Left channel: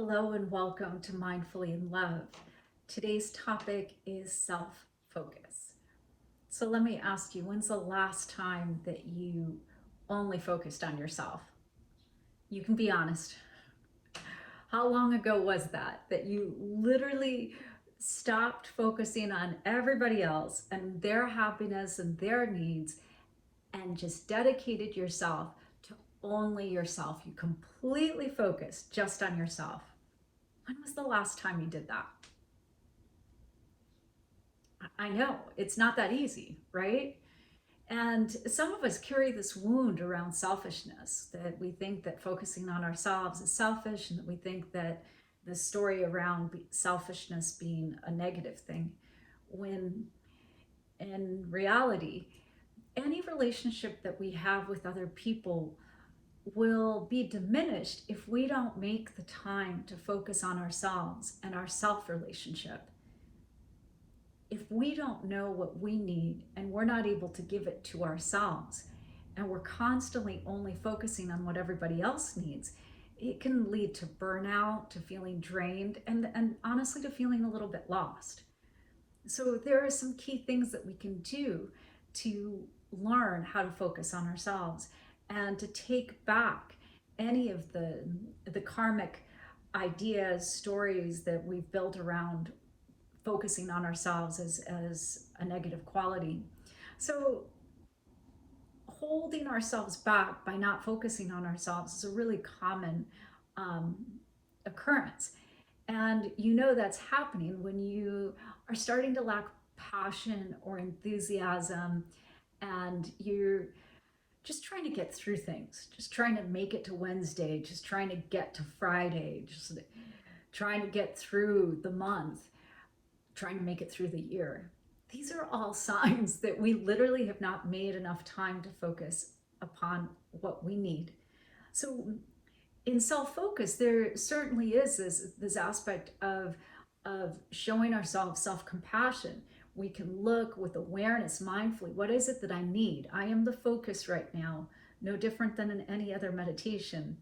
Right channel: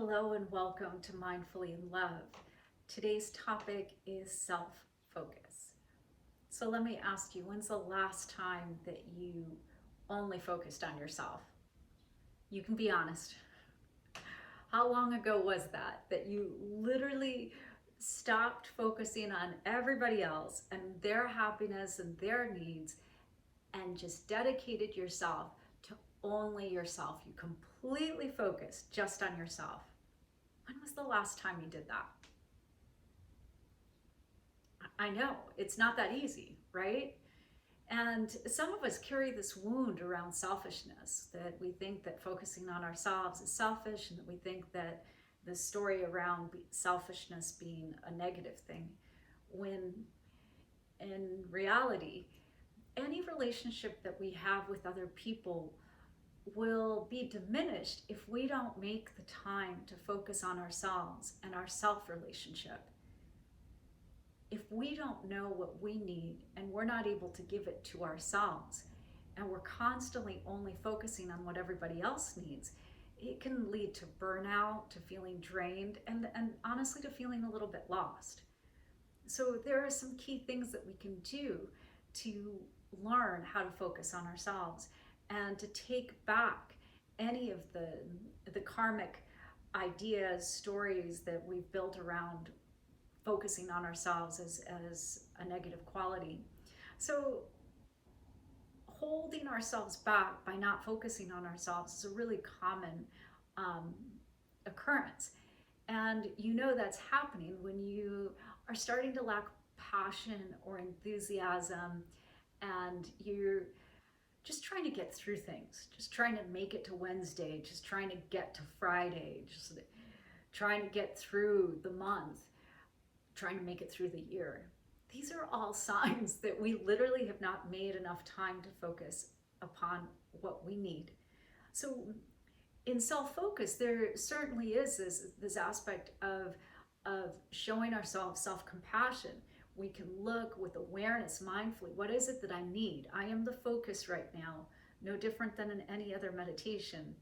Hello and welcome to Mindfully in Love. Today's topic is self-focus. So let me ask you, when's the last time that you only focused on yourself? You can be honest. How long ago was that you literally stopped focusing on everybody else and their happiness and their needs and just dedicated yourself to only yourself? You completely focused just on yourself. When was the last time you did that? I know it's not that easy, right? And some of us carry this wound around selfishness, that we think that focusing on ourselves is selfish, and that we think that the story around selfishness being a negative thing, when in reality, any relationship that we have with other people will be diminished if we don't make the time to focus on ourselves and our self relationship. If we don't know what we need and we're not able to give it to ourselves, and we're constantly only focusing on what everybody else needs, it can lead to burnout, to feeling drained, and honestly to feeling a little bit lost. So there are some key things that we can do to learn how to focus on ourselves and to take back any of the karmic ideas, stories that we've built around focusing on ourselves as a negative quality. So holding ourselves back by not focusing on ourselves is a really common um, occurrence. And you know that's happening when you are starting to lack passion or enthusiasm, and you're just trying to get through things, just trying to make it to Wednesday, just trying to get to Friday, just trying to get through the month, trying to make it through the year. These are all signs that we literally have not made enough time to focus upon what we need. So in self-focus, there certainly is this aspect of showing ourselves self-compassion. We can look with awareness, mindfully, what is it that I need? I am the focus right now, no different than in any other meditation.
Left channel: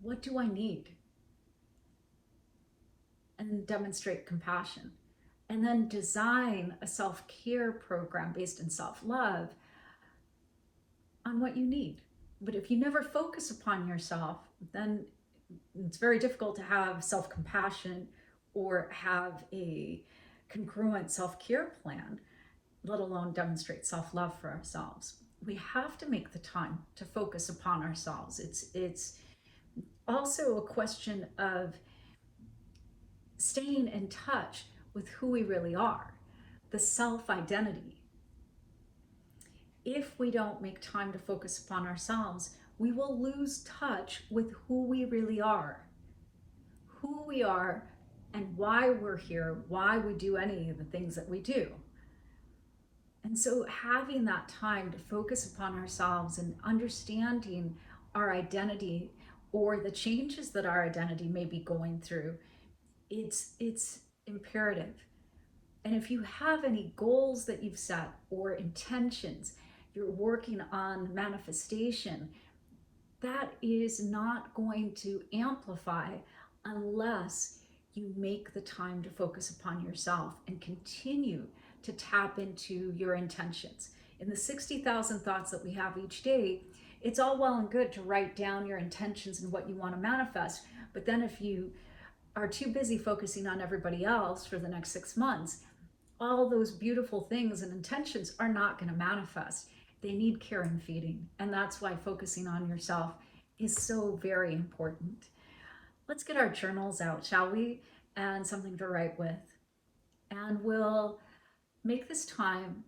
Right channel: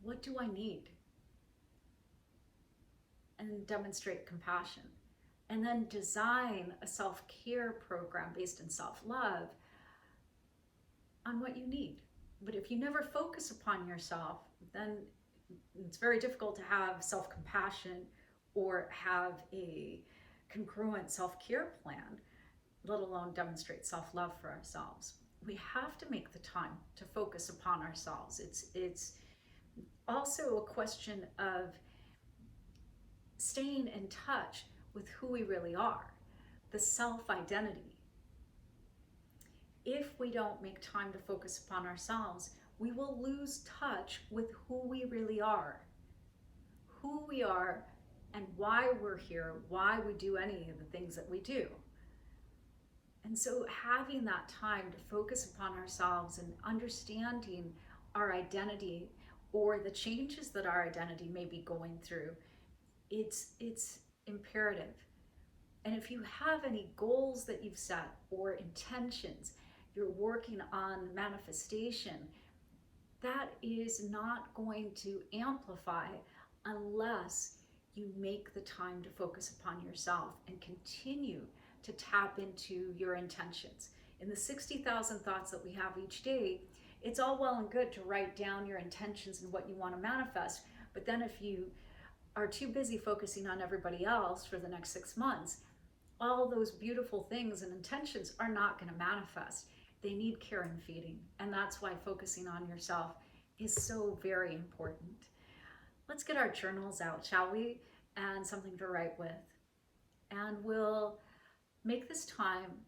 What do I need? And demonstrate compassion. And then design a self-care program based in self-love on what you need. But if you never focus upon yourself, then it's very difficult to have self-compassion or have a congruent self-care plan, let alone demonstrate self-love for ourselves. We have to make the time to focus upon ourselves. It's also a question of staying in touch with who we really are, the self-identity. If we don't make time to focus upon ourselves, we will lose touch with who we really are, and why we're here, why we do any of the things that we do. And so having that time to focus upon ourselves and understanding our identity or the changes that our identity may be going through, it's imperative. And if you have any goals that you've set or intentions, you're working on manifestation, that is not going to amplify unless you make the time to focus upon yourself and continue to tap into your intentions. In the 60,000 thoughts that we have each day, it's all well and good to write down your intentions and what you want to manifest. But then if you are too busy focusing on everybody else for the next 6 months, all those beautiful things and intentions are not going to manifest. They need care and feeding. And that's why focusing on yourself is so very important. Let's get our journals out, shall we? And something to write with. And we'll make this time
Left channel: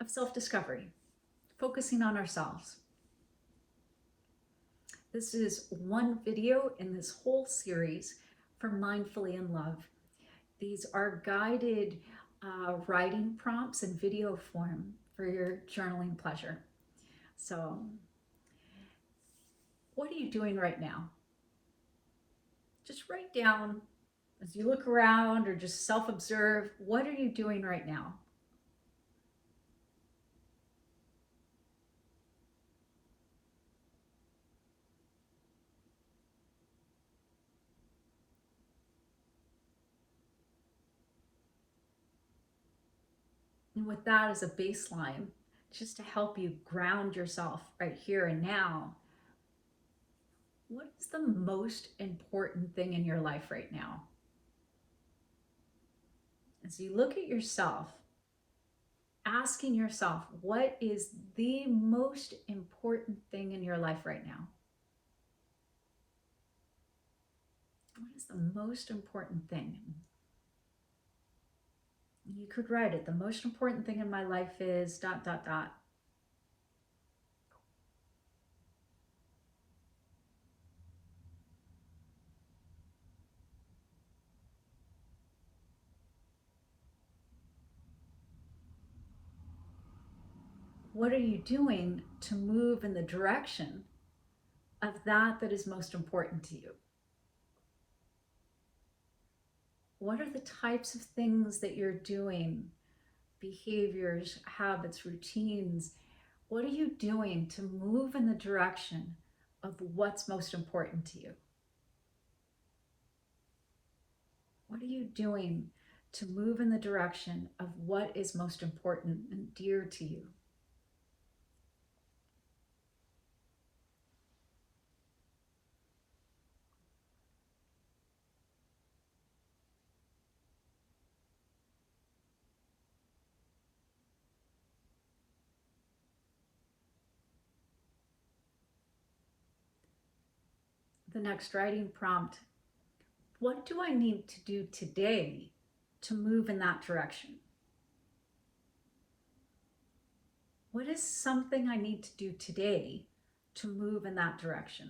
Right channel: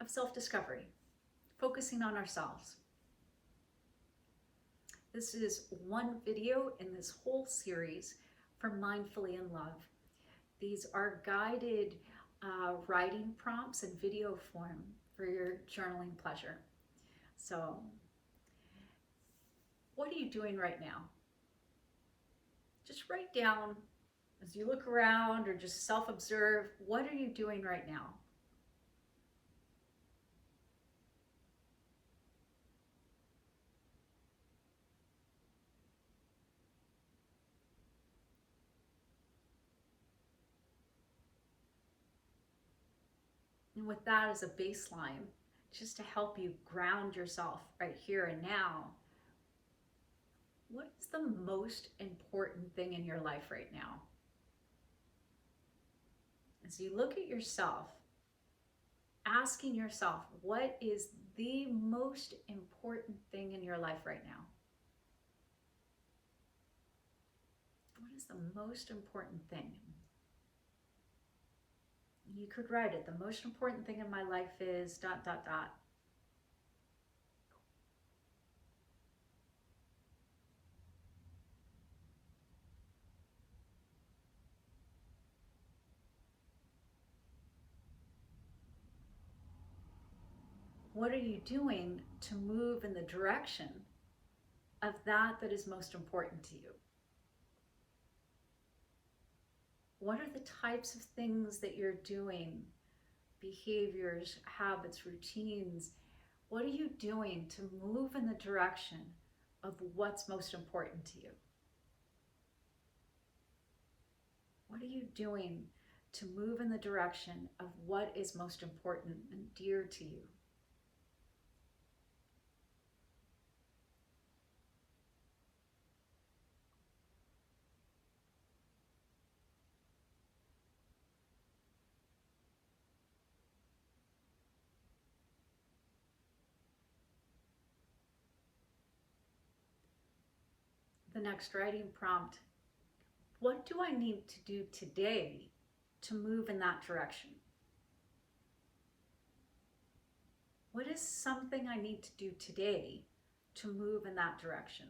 of self-discovery, focusing on ourselves. This is one video in this whole series for Mindfully in Love. These are guided writing prompts in video form for your journaling pleasure. So, what are you doing right now? Just write down as you look around or just self-observe, what are you doing right now? And with that as a baseline, just to help you ground yourself right here and now, what is the most important thing in your life right now? As you look at yourself, asking yourself, what is the most important thing in your life right now? What is the most important thing? You could write it. The most important thing in my life is ... What are you doing to move in the direction of that is most important to you? What are the types of things that you're doing, behaviors, habits, routines? What are you doing to move in the direction of what's most important to you? What are you doing to move in the direction of what is most important and dear to you? The next writing prompt: what do I need to do today to move in that direction? What is something I need to do today to move in that direction?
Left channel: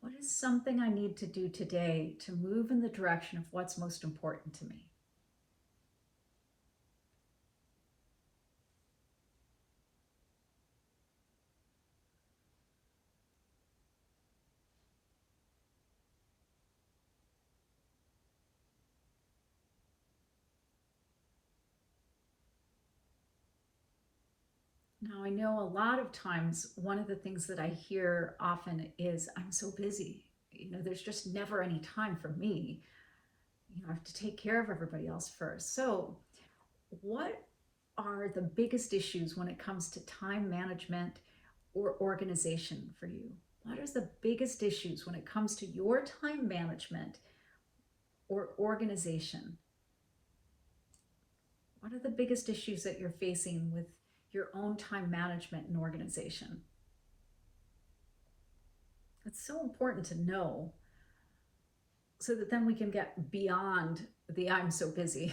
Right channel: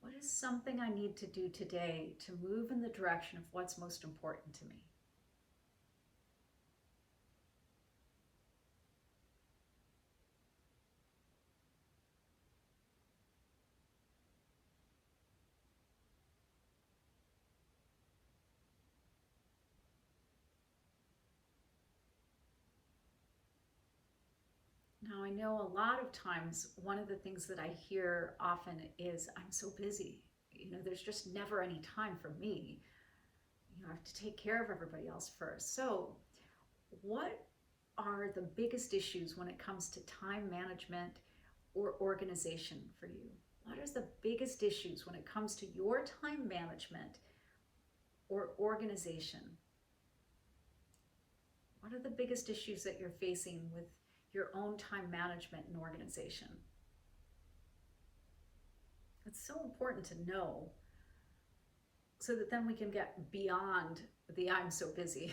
What is something I need to do today to move in the direction of what's most important to me? Now, I know a lot of times one of the things that I hear often is, I'm so busy. There's just never any time for me. I have to take care of everybody else first. So, what are the biggest issues when it comes to time management or organization for you? What are the biggest issues when it comes to your time management or organization? What are the biggest issues that you're facing with your own time management and organization? It's so important to know so that then we can get beyond the I'm so busy.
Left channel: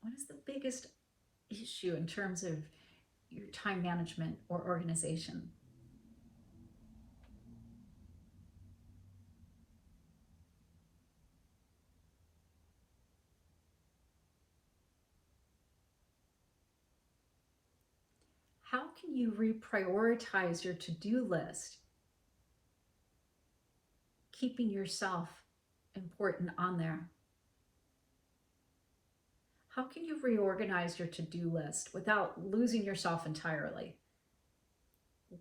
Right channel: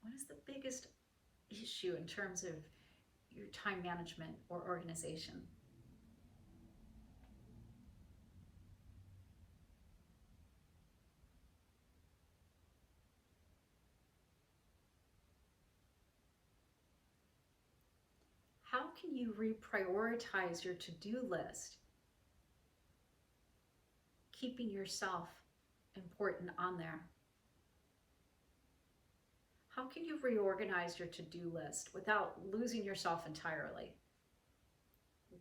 What is the biggest issue in terms of your time management or organization? How can you reprioritize your to-do list, keeping yourself important on there? How can you reorganize your to-do list without losing yourself entirely?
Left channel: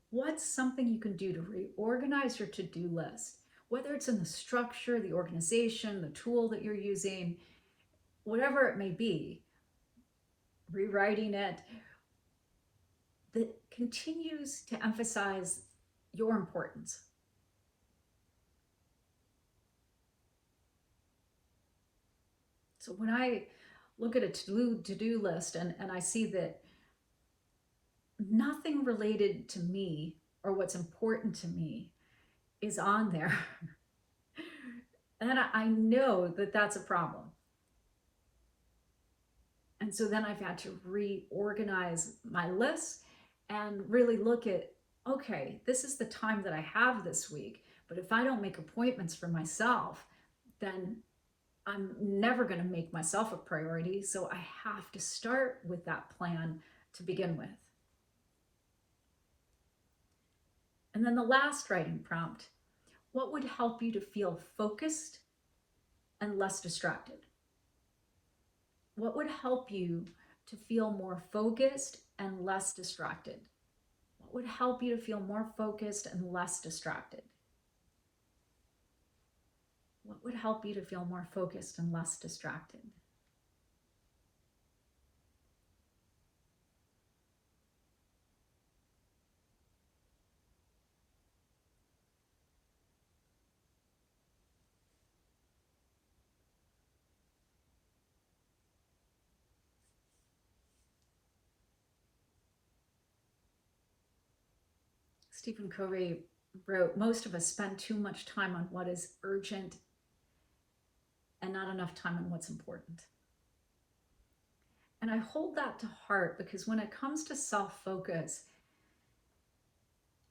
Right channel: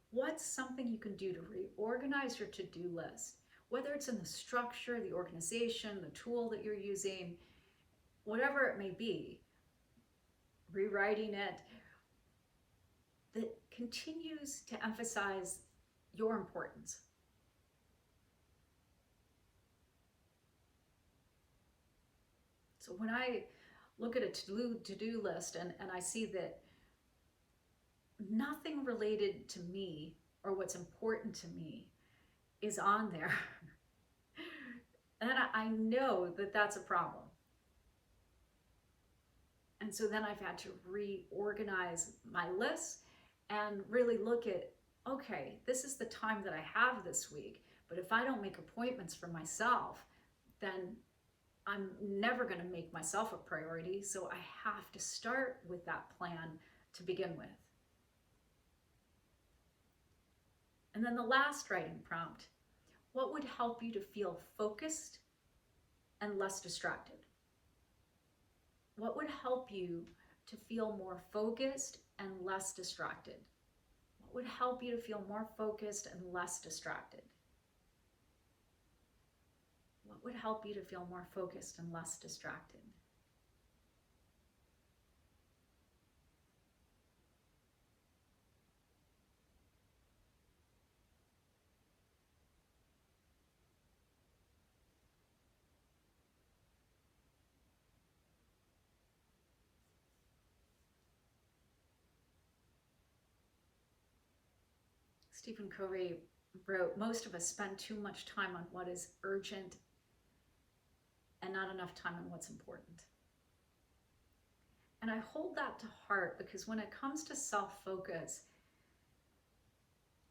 What's something you can do to reorganize your to-do list? Whether it's in the structure, the organization, the tool that you're using, whatever it may be, rewriting it, that continues to emphasize your importance. So when I look at a to-do list and I see that nothing related to me or what's important to me is on there, then I know that that's a problem. And so then I've had to reorganize my list and really look at, okay, this is the time that I have this week. But if I don't make appointments for myself, then I'm never going to make myself a priority. So I have to start with that plan to begin with. And then the last writing prompt: what would help you to feel focused and less distracted? What would help you to feel more focused and less distracted? What would help you to feel more focused and less distracted? What would help you to feel more focused and less distracted? Stephen Covey wrote, most of us spend too much time on what is urgent and not enough time on what's important. And I hold that to heart because when it comes to self-focus,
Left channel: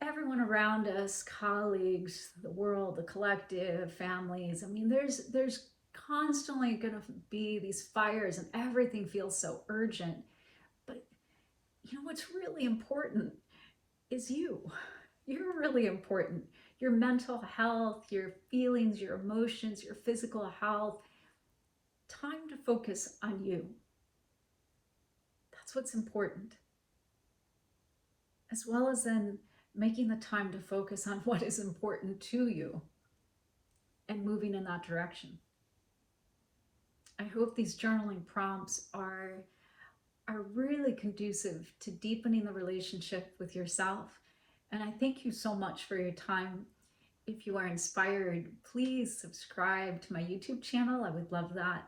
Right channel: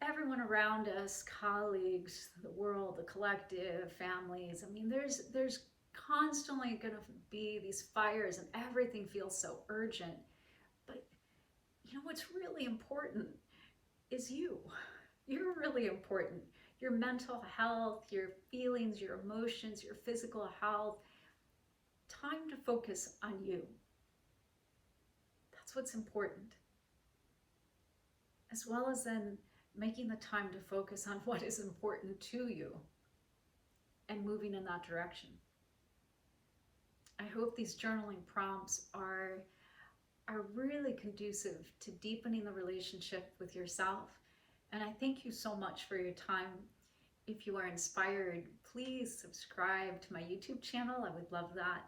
everyone around us, colleagues, the world, the collective, families, I mean, there's constantly going to be these fires and everything feels so urgent. But you know what's really important is you. You're really important. Your mental health, your feelings, your emotions, your physical health. Time to focus on you. That's what's important. As well as then making the time to focus on what is important to you and moving in that direction. I hope these journaling prompts are really conducive to deepening the relationship with yourself. And I thank you so much for your time. If you are inspired, please subscribe to my YouTube channel. I would love that.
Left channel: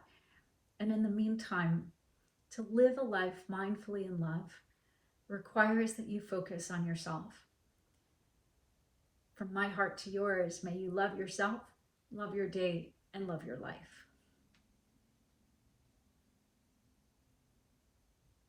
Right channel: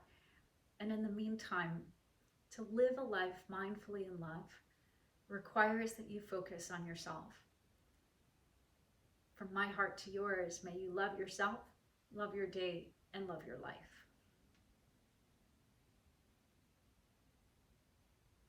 And in the meantime, to live a life mindfully in love requires that you focus on yourself. From my heart to yours, may you love yourself, love your day, and love your life.